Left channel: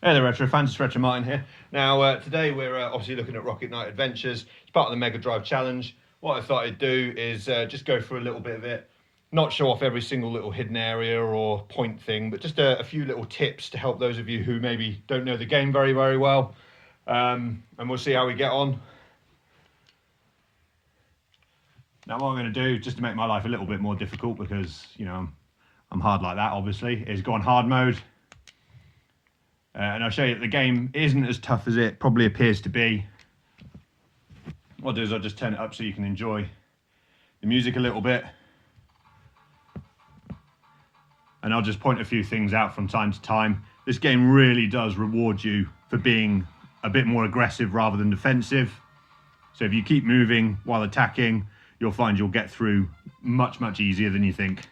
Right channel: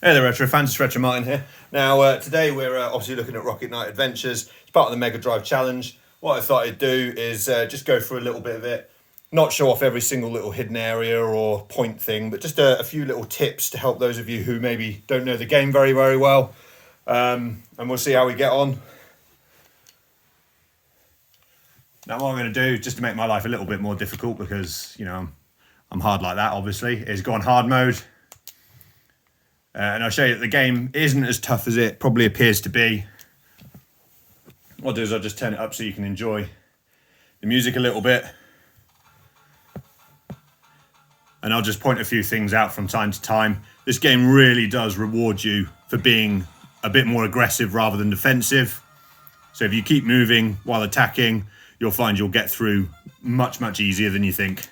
Hey there, Retro fans, it's Retro Martin here. Now, today we're obviously looking at Rocket Knight Adventures. It's part of the Mega Drive Challenge. What I thought I'd do is just go through a little bit of it, not show off every single little hidden area or point thing, but just a few little tips to help those of you who maybe don't know the game very, very well. And we'll see how we get on. Now, what I'm going to do, just to make my life a little bit more difficult, because, you know, I'm hard like that, obviously, is go on hard mode. And I'll show you that the game isn't as tough as it probably appears to be. What I'll do is I'll just turn it up so you can enjoy the music a little bit. And I'll just point a few things out from time to time. This game really does reward you for being a bit more aggressive rather than defensive. So if you keep moving while attacking, you'll find you'll get through much, much easier than you think.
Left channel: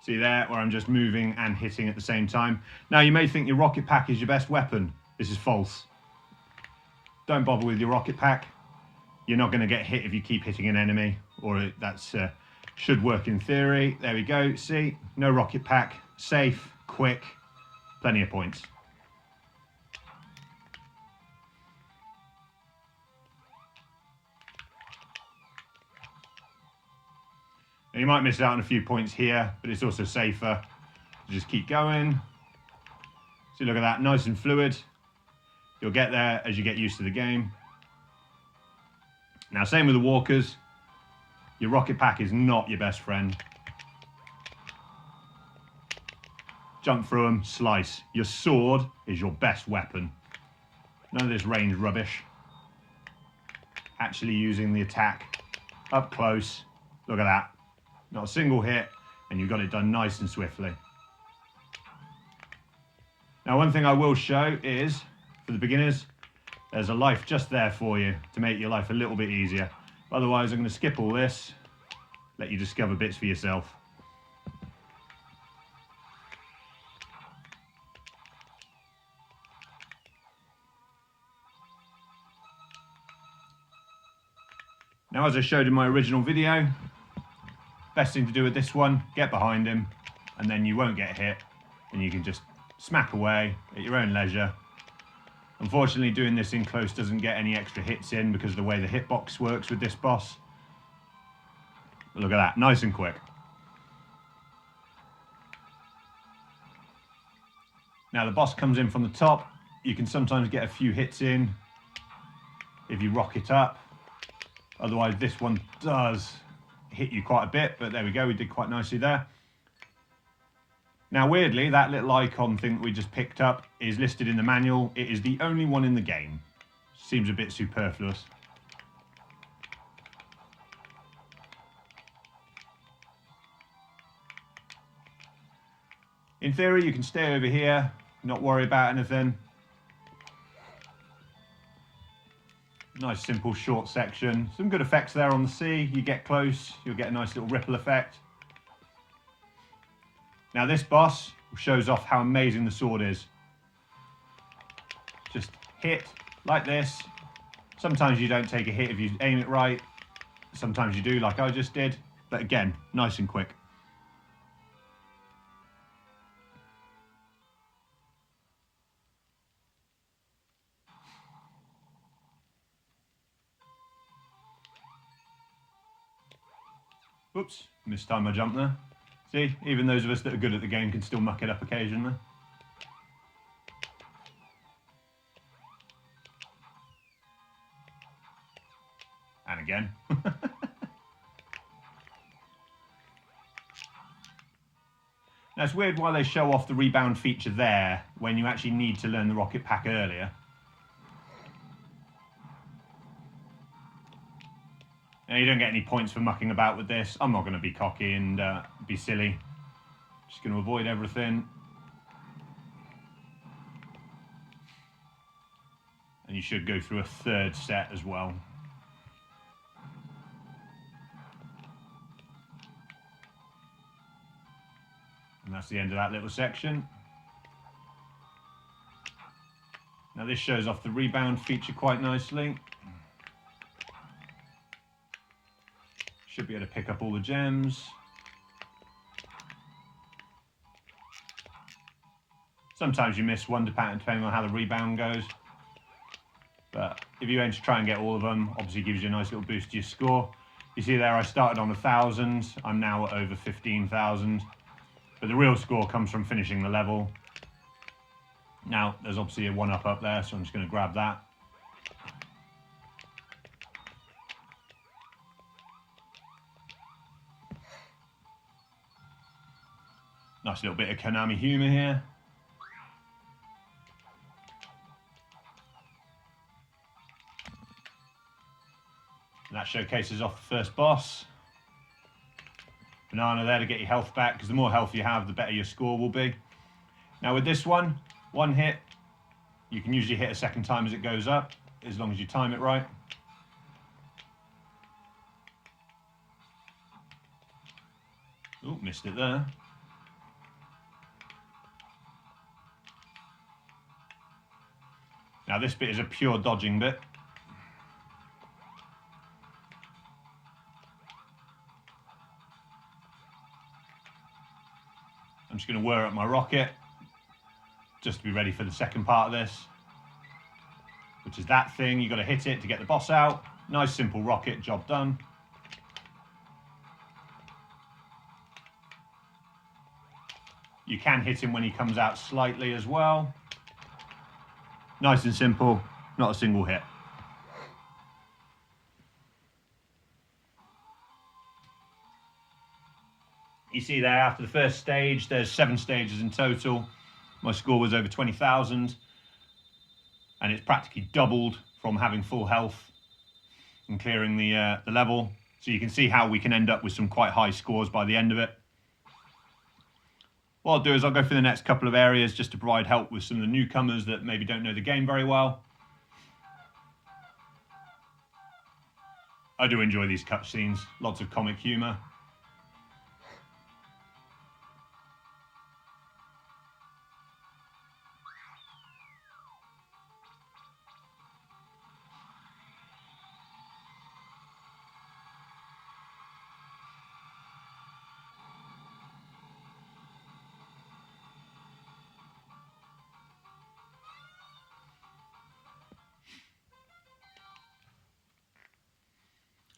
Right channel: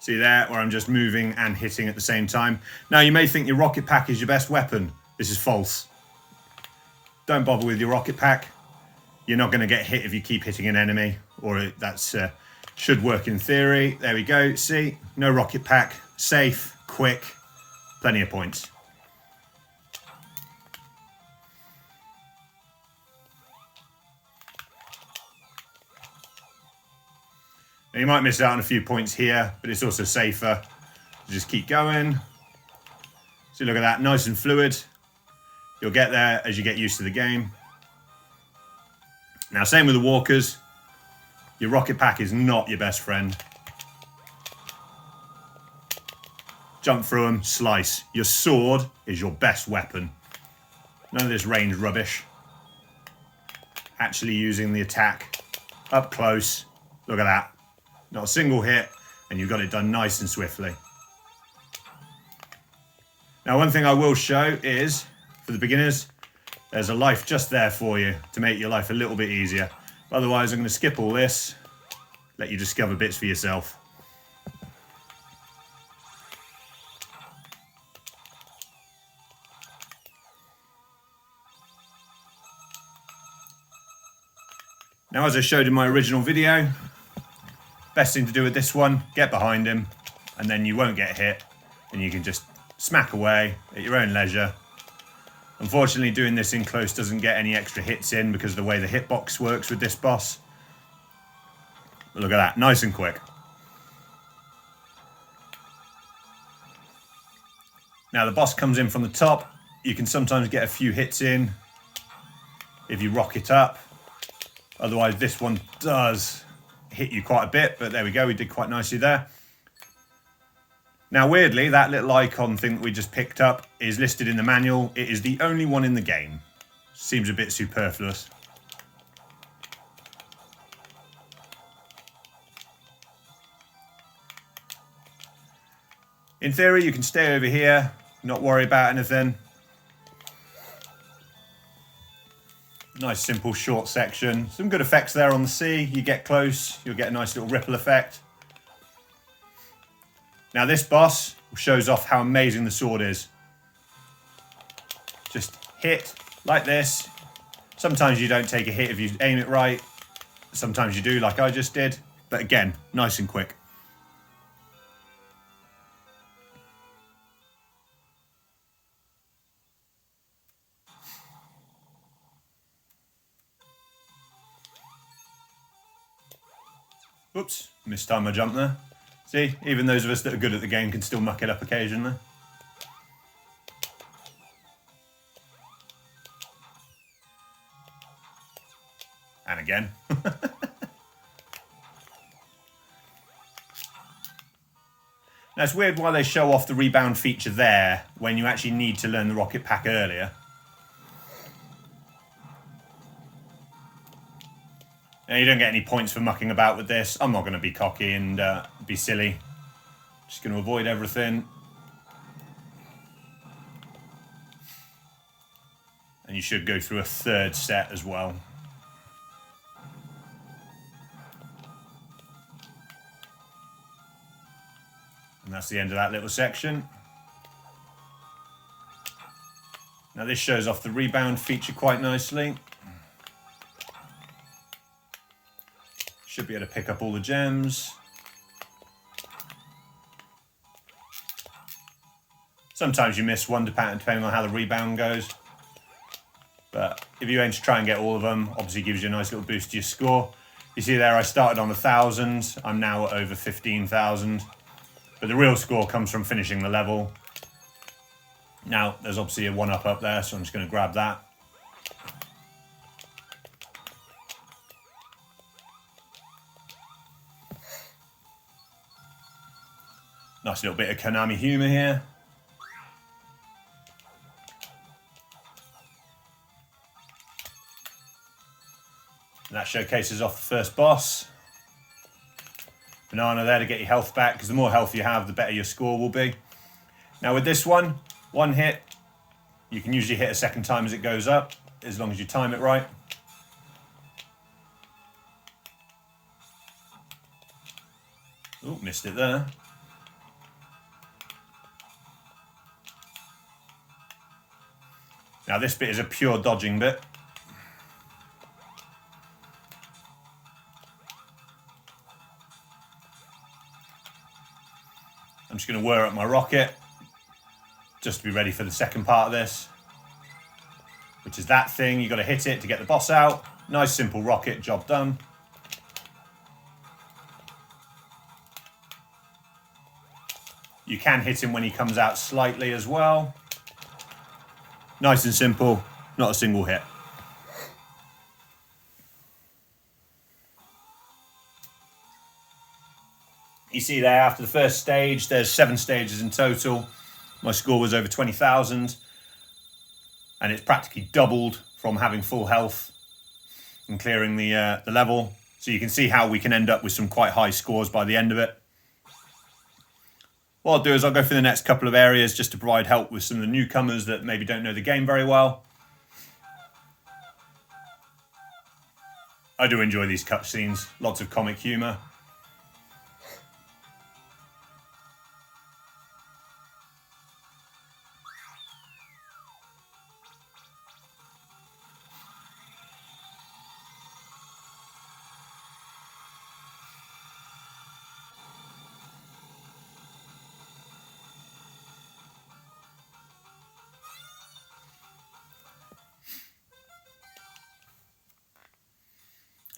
See there, where I'm just moving and hitting at the same time. Now, you may think your rocket pack is your best weapon. This is false. Don't bother with your rocket pack. You're not going to get hit if you keep hitting an enemy, or that's should work in theory. There we go. See, no rocket pack, safe, quick, plenty of points. Now, you might miss out on a few points here, but it's also safer to just keep going. So look at that, nice and fluid. You'll get there as you get used to the game. Now, same with the walkers. Your rocket pack is not your best friend. Jump through them, slice. Your sword is your best weapon. None of this range rubbish. Actually using the attack up close. Look at that. Not a single hit, and you've got it done nice and swiftly. Now, one thing I will show is, for the beginners, there's a life just there for you to make your life a little bit easier. Otherwise, I'm going to skip all this, let you discover bits for yourself. Now, as I showed in my original video, best thing to do with this one, get behind him, and then you won't get hit, and you can just smack away at your own leisure. Unfortunately, doing this in close doesn't get any extra hits in because of the way the hitbox works with this boss. But look at that, nice and quick. Now the boss comes in from the top. You can sometimes get a few hits in if you rock it up. Otherwise, this one does hit you quite a bit, but there we go, we did quite nicely there. Now, weirdly, that little icon thing that we just picked up is listed in the manual. It is the only one in the game. Seems a bit superfluous. In theory, you can stay over here, not worry about anything. Nice, simple, short section. Some good effects there on the sea. You get close, you'll get a nice little ripple effect. Now, this boss shows off how amazing the sword is. Just hit like this. Sometimes you don't take a hit if you aim it right. Sometimes you do, like I just did. But again, nice and quick. Whoops, missed time I jumped there. See, even those of us that are good at the game can still muck it up occasionally. And again. Now, it's weird why they show off the rebound feature there when you actually need to learn the rocket pack earlier. Now, you don't get any points for mucking about with this. I'm not going to be cocky and be silly. Just going to avoid everything. And you should go through a third set as well. And that's the end of that little section. Now this shows off the rebound feature quite nicely. Should be able to pick up all the gems. Sometimes you miss one depending on how the rebound goes. But if you aim to try and get all of them, obviously gives you a nice little boost to your score. You see there I started on 1,000. I'm now at over 15,000. But the real score comes from finishing the level. Now, there's obviously a 1-up up there, so I'm just going to grab that. Nice little bit of Konami humour here. And that showcases off the first boss. Banana there to get your health back, because the more health you have, the better your score will be. Now with this one hit, you can usually hit a second time as it goes up, as long as you time it right. Oh, missed it there. Now this bit is a pure dodging bit. I'm just going to whir up my rocket, just to be ready for the second part of this, which is that thing. You've got to hit it to get the boss out. Nice simple rocket, job done. You can hit him when he comes out slightly as well. Nice and simple, not a single hit. You see there, after the first stage, there's 7 stages in total. My score was over 20,000, and it's practically doubled from having full health and clearing the level. So you can see how we can end up with some quite high scores by the end of it. What I'll do is I'll go through the next couple of areas just to provide help with some of the newcomers that maybe don't know the game very well. I do enjoy these cutscenes, lots of comic humour.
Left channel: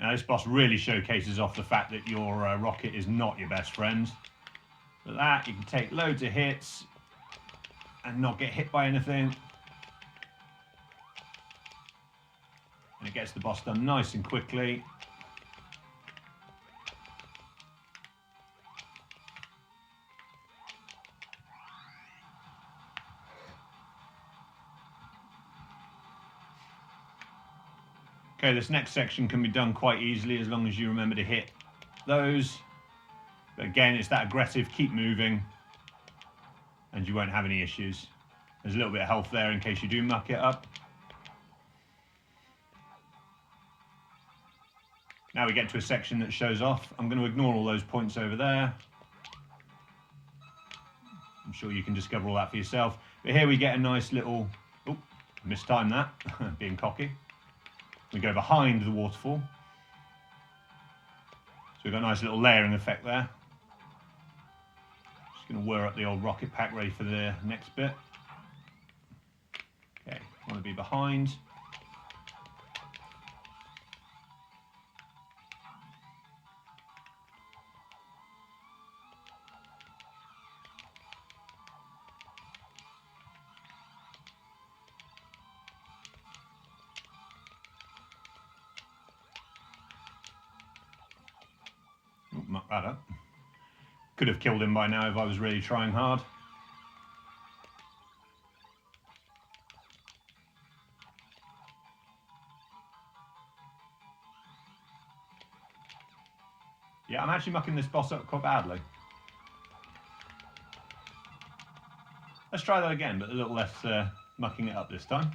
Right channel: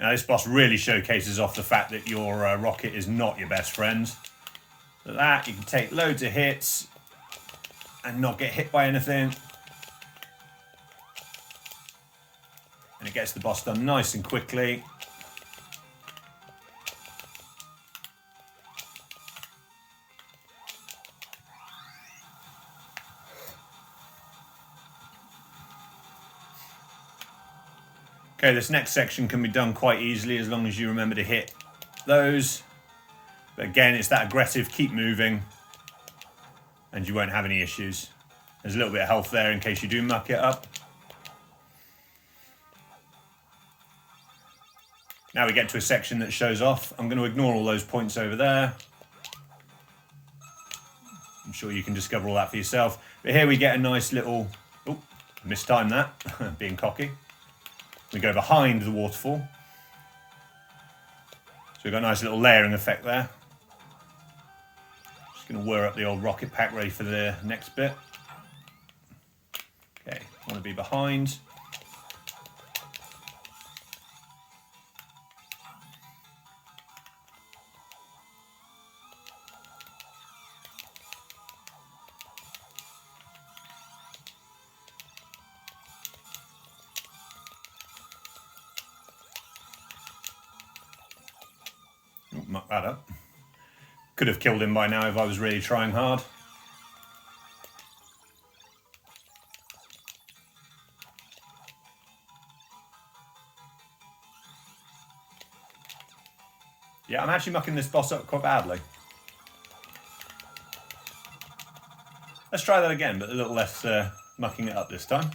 Now this boss really showcases off the fact that your rocket is not your best friend. With that, you can take loads of hits and not get hit by anything. And it gets the boss done nice and quickly. Okay, this next section can be done quite easily as long as you remember to hit those. But again, it's that aggressive, keep moving, and you won't have any issues. There's a little bit of health there in case you do muck it up. Now we get to a section that shows off. I'm going to ignore all those points over there. I'm sure you can discover all that for yourself. But here we get a nice little... Oh, mistimed that, being cocky. We go behind the waterfall. So we've got a nice little layering effect there. Just going to whir up the old rocket pack ready for the next bit. Okay, want to be behind. Muck that up. Could have killed him by now if I was really trying hard. Yeah, I'm actually mucking this boss up quite badly. Let's try that again, but a little less mucking it up this time.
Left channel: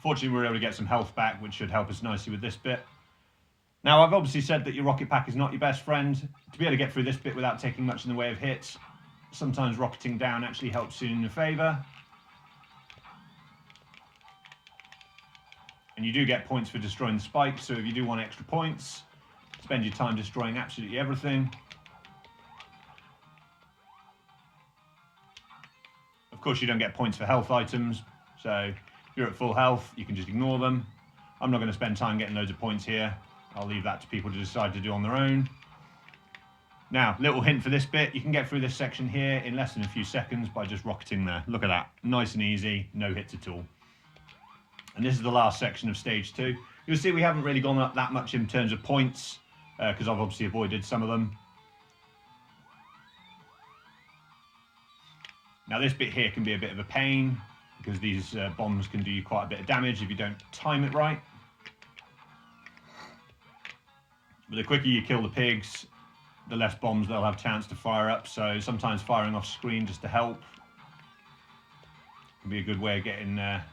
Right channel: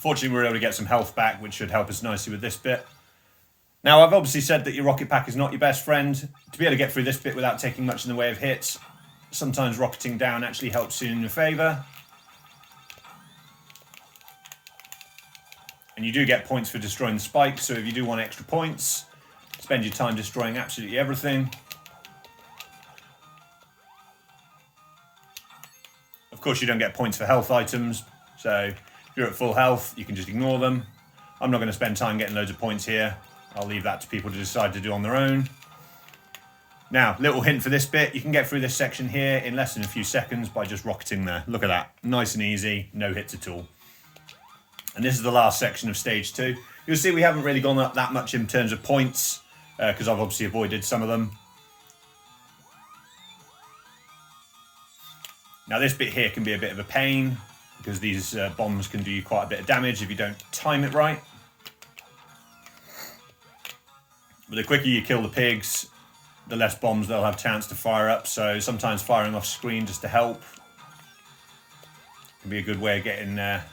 Fortunately, we were able to get some health back, which should help us nicely with this bit. Now, I've obviously said that your rocket pack is not your best friend. To be able to get through this bit without taking much in the way of hits, sometimes rocketing down actually helps you in your favour. And you do get points for destroying the spikes, so if you do want extra points, spend your time destroying absolutely everything. Of course, you don't get points for health items, so if you're at full health, you can just ignore them. I'm not going to spend time getting loads of points here. I'll leave that to people to decide to do on their own. Now, little hint for this bit, you can get through this section here in less than a few seconds by just rocketing there. Look at that, nice and easy, no hits at all. And this is the last section of stage 2. You'll see we haven't really gone up that much in terms of points, because I've obviously avoided some of them. Now this bit here can be a bit of a pain, because these bombs can do you quite a bit of damage if you don't time it right. But the quicker you kill the pigs, the less bombs they'll have a chance to fire up, so sometimes firing off screen just to help can be a good way of getting there.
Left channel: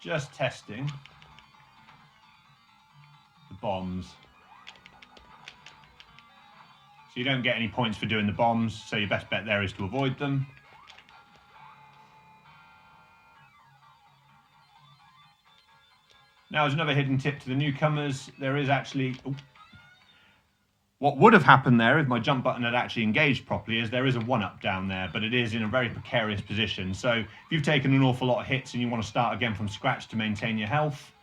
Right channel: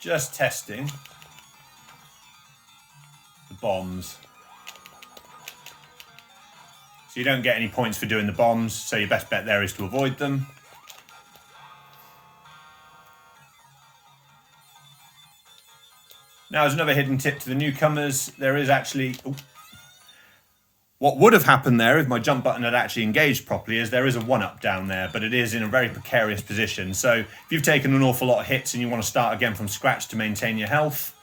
Just testing the bombs. So you don't get any points for doing the bombs, so your best bet there is to avoid them. Now, as another hidden tip to the newcomers, there is actually... What would have happened there if my jump button had actually engaged properly is there is a 1-up down there, but it is in a very precarious position. So if you've taken an awful lot of hits and you want to start again from scratch to maintain your health,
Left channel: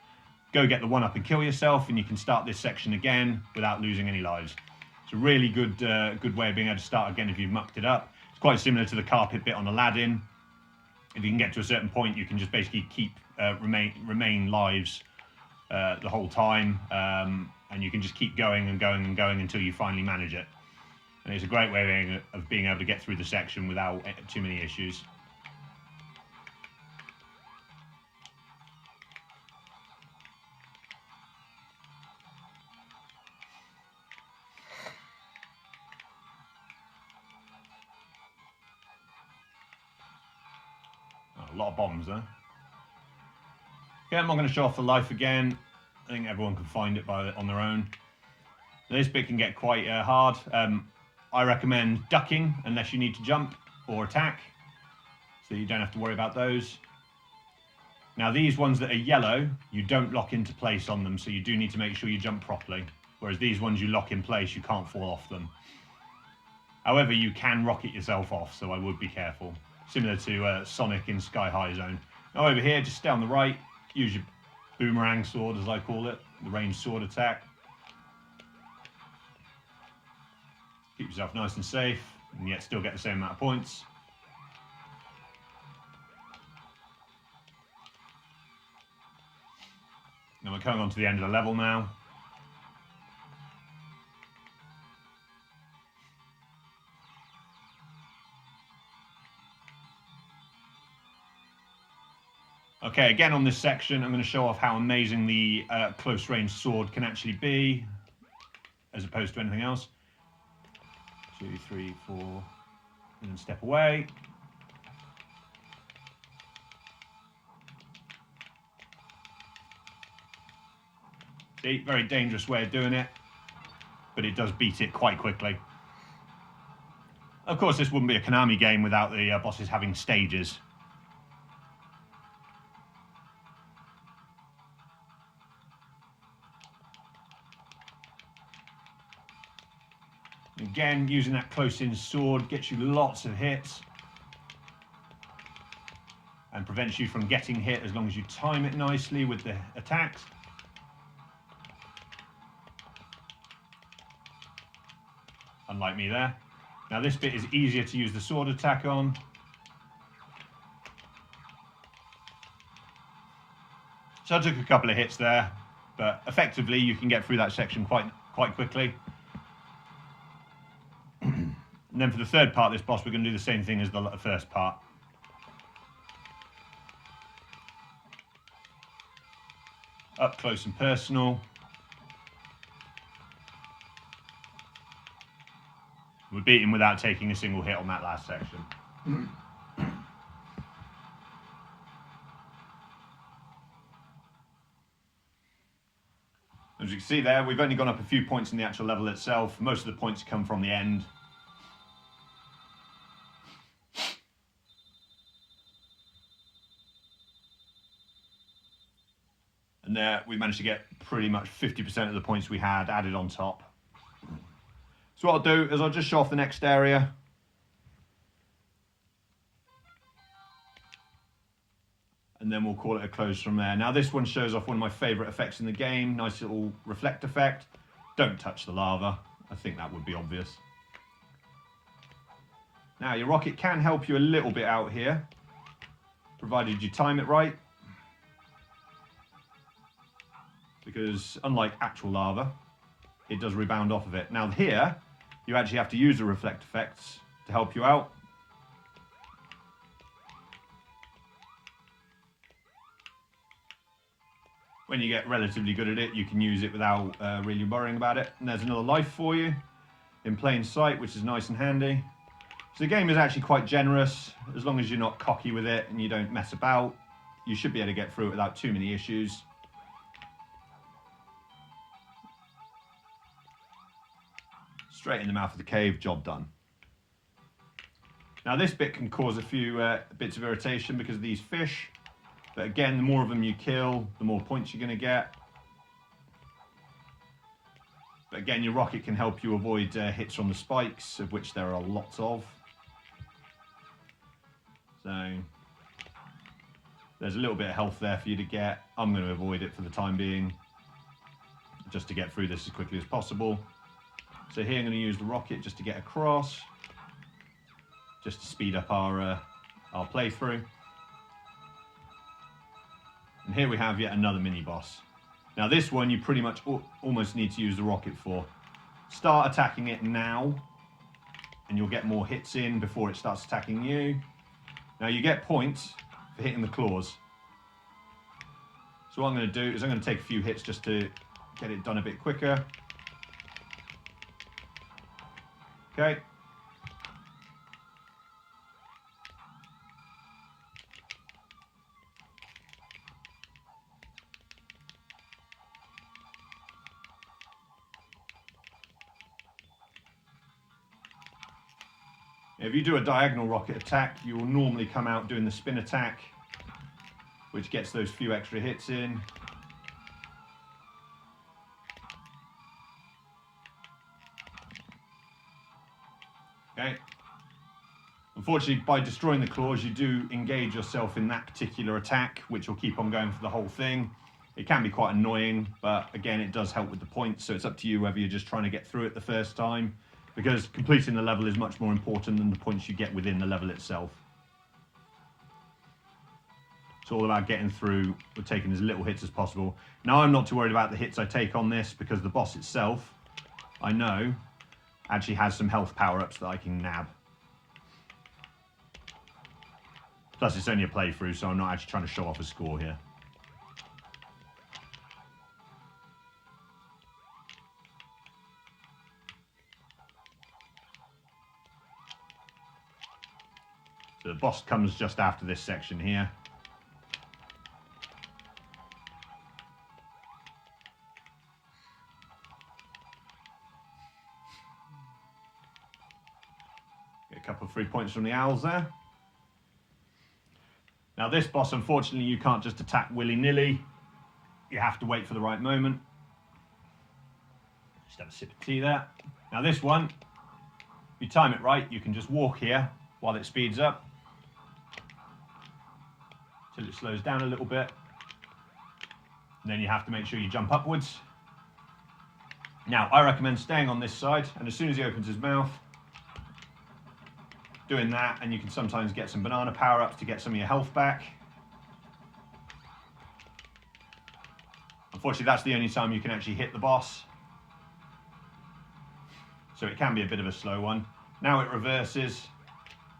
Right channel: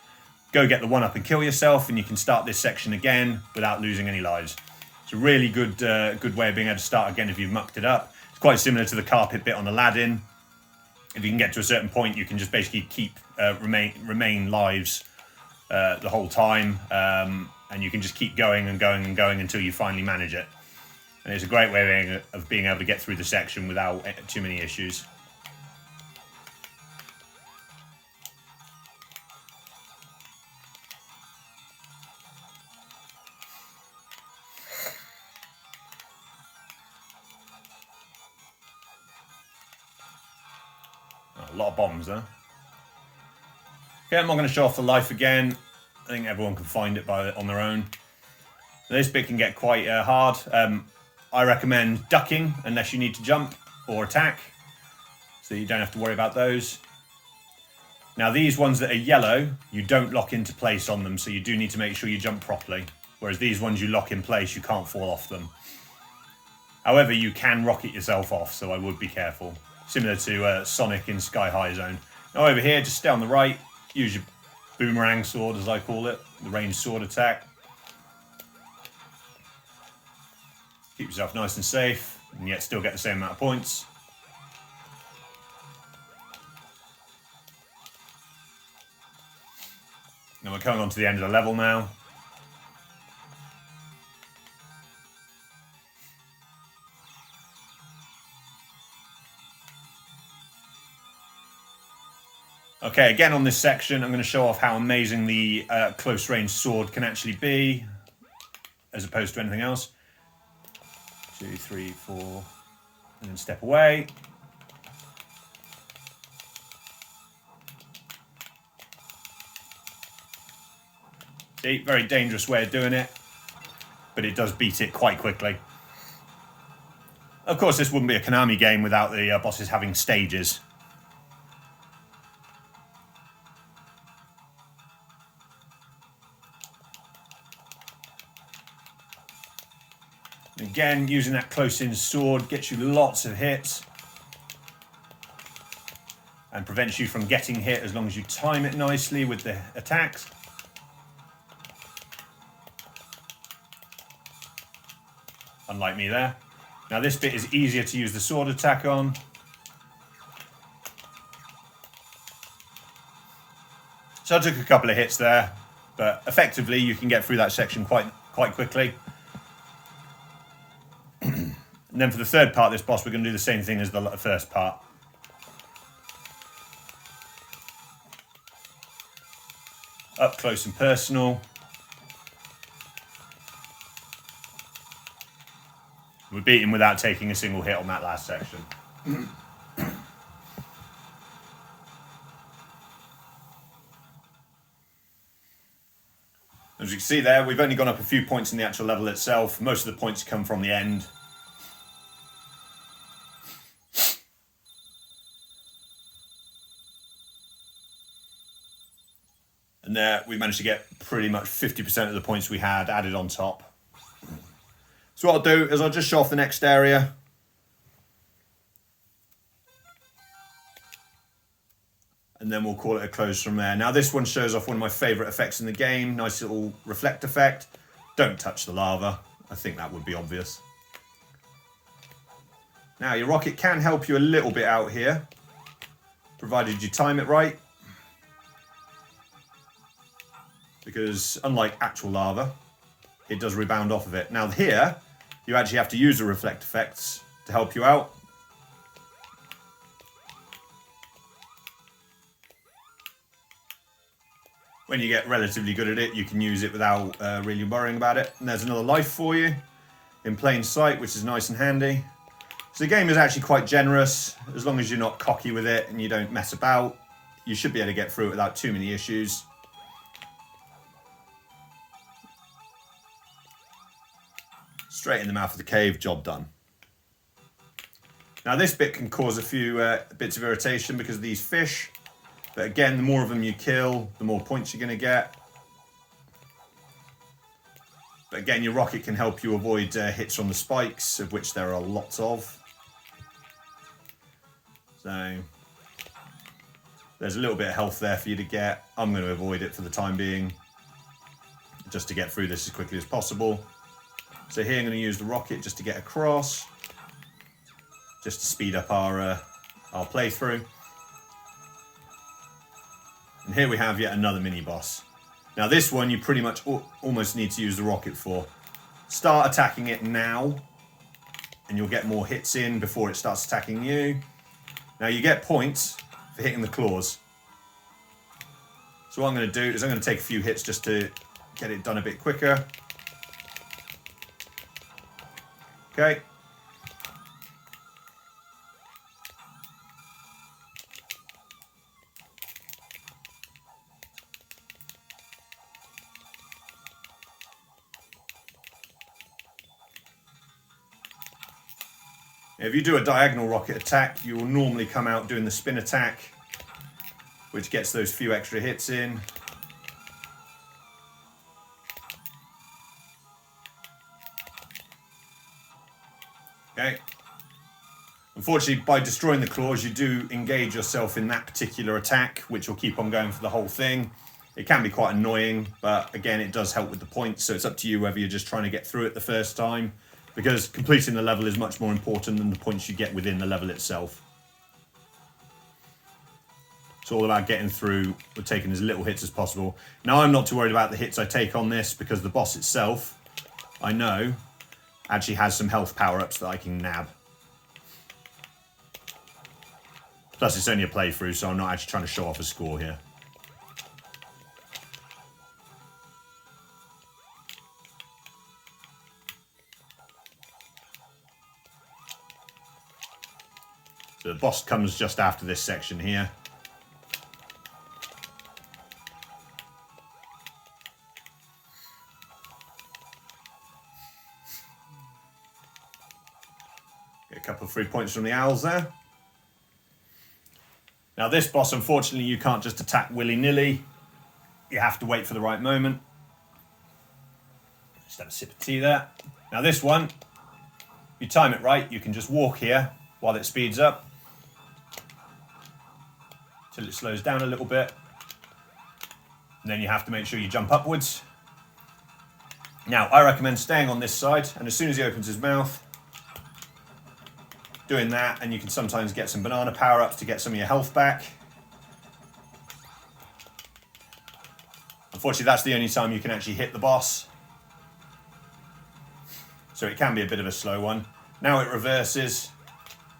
go get the 1-up and kill yourself, and you can start this section again without losing any lives. It's a really good way of being able to start again if you've mucked it up. It's quite similar to the carpet bit on Aladdin. If you can get to a certain point, you can just basically keep remain lives the whole time, and you can just keep going and going and going until you finally manage it. And it's a great way of being able to get through the section without too many issues. A lot of bombs, huh? Okay, I'm not going to show off the life again. I think everyone can find it on their own. This bit can get quite hard. I recommend ducking unless you need to jump or attack, so you don't have to worry about those. Now these ones that are yellow, you don't lock into place on them, so you do need to make sure you jump properly. Whereas these ones you lock in place, you can't fall off them. However, you can rocket yourself off, so I would be careful. Similar to Sonic in Sky High Zone. Now over here, just stay on the right, use your boomerang sword, as I call it, the ranged sword attack. Keep yourself nice and safe, and yet still get the same amount of points. Now we're coming on to the end of the level now. Okay, again on this section, I'm going to show off how amazing the close range sword can actually be, as opposed to anything else. 2, 3, 4, and then step away. See, very dangerous way of doing it, but it does beat it quite quickly. Of course, this wouldn't be a Konami game without the bosses having stages. Again, using that close-in sword gets you lots of hits and prevents you from getting hit as long as you time it nicely with the attacks. Unlike me there. Now this bit is easier to use the sword attack on. So I took a couple of hits there, but effectively you can get through that section quite quickly. And then for the third part of this boss, we're going to do the same thing as the first part. Up close and personal. We beat him without taking a single hit on that last section. As you can see there, we've only gone up a few points in the actual level itself. Most of the points come from the end. And there we managed to get pretty much 50% of the points we had added on top. So what I'll do is I'll just show off the next area. And then we'll call it a close from there. Now this one shows off one of my favourite effects in the game. Nice little reflect effect. Don't touch the lava. I think that would be obvious. Now your rocket can help you a little bit out here, provided you time it right. Because unlike actual lava, it does rebound off of it. Now here, you actually have to use the reflect effects to help you out. When you get relatively good at it, you can use it without really worrying about it. And there's another life for you in plain sight, which is nice and handy. So the game is actually quite generous. As long as you're not cocky with it and you don't mess about, you should be able to get through it without too many issues. Straight in the mouth of the cave, job done. Now this bit can cause a few bits of irritation because of these fish. But again, the more of them you kill, the more points you're going to get. But again, your rocket can help you avoid hits from the spikes, of which there are lots of. So there's a little bit of health there for you to get. I'm going to avoid it for the time being, just to get through this as quickly as possible. So here I'm going to use the rocket just to get across, just to speed up our playthrough. And here we have yet another mini boss. Now this one you pretty much almost need to use the rocket for. Start attacking it now, and you'll get more hits in before it starts attacking you. Now you get points for hitting the claws. So what I'm going to do is I'm going to take a few hits just to get it done a bit quicker. Okay. If you do a diagonal rocket attack, you will normally come out doing the spin attack, which gets those few extra hits in. Okay. Unfortunately, by destroying the claws, you do engage yourself in that particular attack, which will keep on going for the whole thing. It can be quite annoying, but again, it does help with the points, so it's up to you whether you're just trying to get through it the first time, because completing the level is much more important than the points you get within the level itself. It's all about getting through with taking as little hits as possible. Now, I'm not too worried about the hits I take on this, because the boss itself, I know, actually has some health power-ups that I can nab. Plus, it's only a playthrough, so I'm not actually trying to show off a score here. So the boss comes just after this section here. Get a couple of free points from the owls there. Now this boss, unfortunately, you can't just attack willy-nilly. You have to wait for the right moment. Just have a sip of tea there. Now this one, if you time it right, you can just walk here while it speeds up, till it slows down a little bit. And then you have to make sure you jump upwards. Now, I recommend staying on this side, and as soon as he opens his mouth, doing that, and you can sometimes get some banana power-ups to get some of your health back. Unfortunately, that's the only time you can actually hit the boss. So it can be a bit of a slow one. Now it reverses,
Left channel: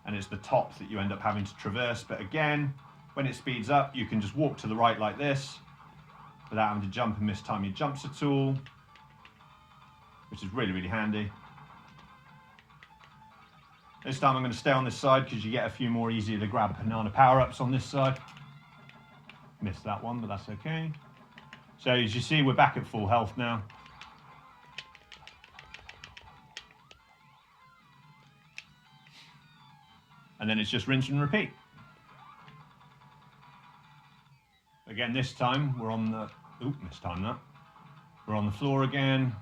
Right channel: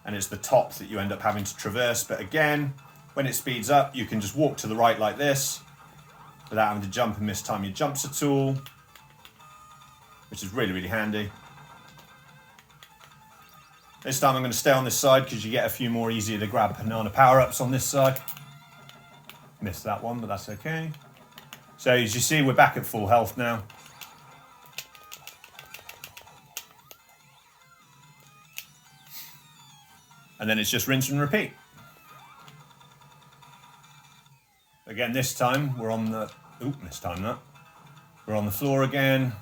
and it's the top that you end up having to traverse. But again, when it speeds up, you can just walk to the right like this without having to jump and mistime your jumps at all, which is really, really handy. This time I'm going to stay on this side because you get a few more easier to grab banana power-ups on this side. Missed that one, but that's okay. So as you see, we're back at full health now. And then it's just rinse and repeat. Again, this time we're on the Oop, mistimed that. We're on the floor again.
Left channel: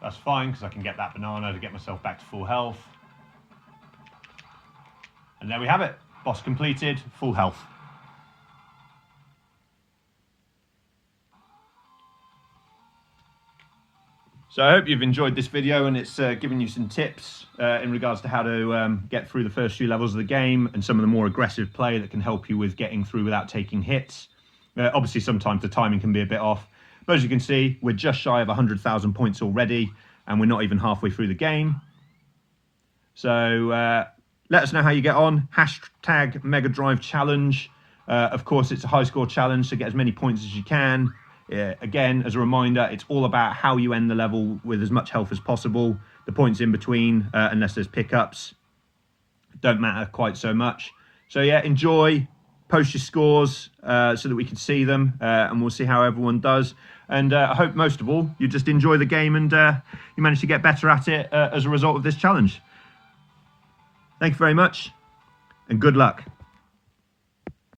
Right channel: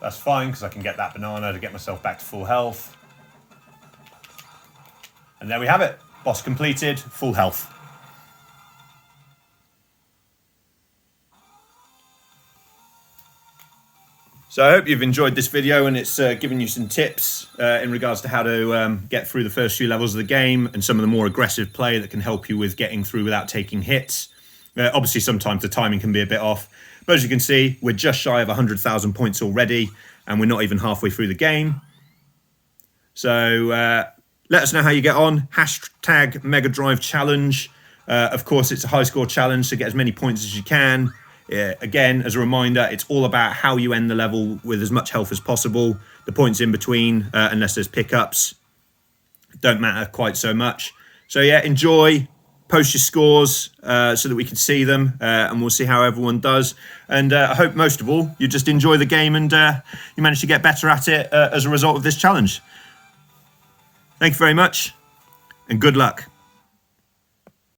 That's fine, because I can get that banana to get myself back to full health. And there we have it. Boss completed, full health. So I hope you've enjoyed this video, and it's given you some tips in regards to how to get through the first few levels of the game and some of the more aggressive play that can help you with getting through without taking hits. Obviously, sometimes the timing can be a bit off. But as you can see, we're just shy of 100,000 points already, and we're not even halfway through the game. So let us know how you get on. Hashtag MegaDrive challenge. Of course, it's a high score challenge, so get as many points as you can. Again, as a reminder, it's all about how you end the level with as much health as possible. The points in between, unless there's pickups, don't matter quite so much. So yeah, enjoy. Post your scores so that we can see them, and we'll see how everyone does. And I hope most of all you just enjoy the game and you manage to get better at it as a result of this challenge. Thank you very much, and good luck.